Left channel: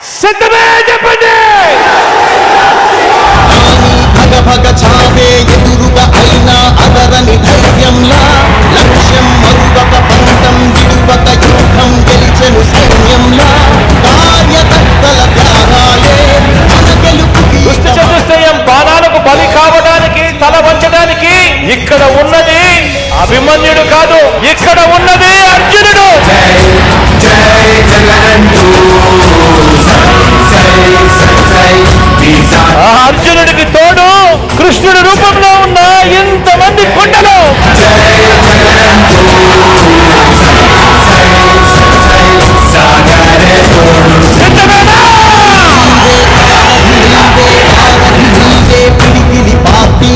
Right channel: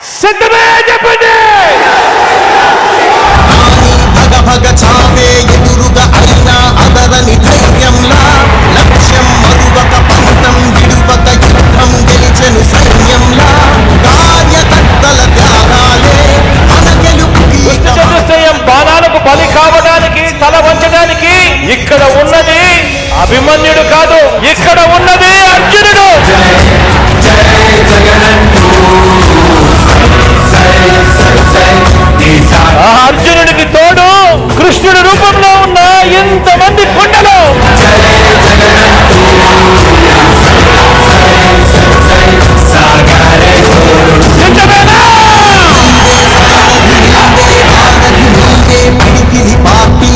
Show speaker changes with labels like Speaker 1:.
Speaker 1: సిద్ధమే చెప్పండి!
Speaker 2: భగ చావే ఎదురుగా అయినా అదరని ధైర్యంలా లక్ష్యం మరువక పంతం విడువక యుద్ధం గెలిచెను సైన్యంలా కార్యకర్తల త్యాగాలే మన గెలుపుకి
Speaker 1: చతుష్టయం బాణాలకు బలి కావడానికి తల వంచడానికి ఇక్కడ ఉన్నది అభిమన్యుడు కాదు. అర్జునుడికి తోడు కృష్ణుడి రూపంలో ఉన్న ఇంతమంది కొండలు. సిద్ధమేనా? పార్టీ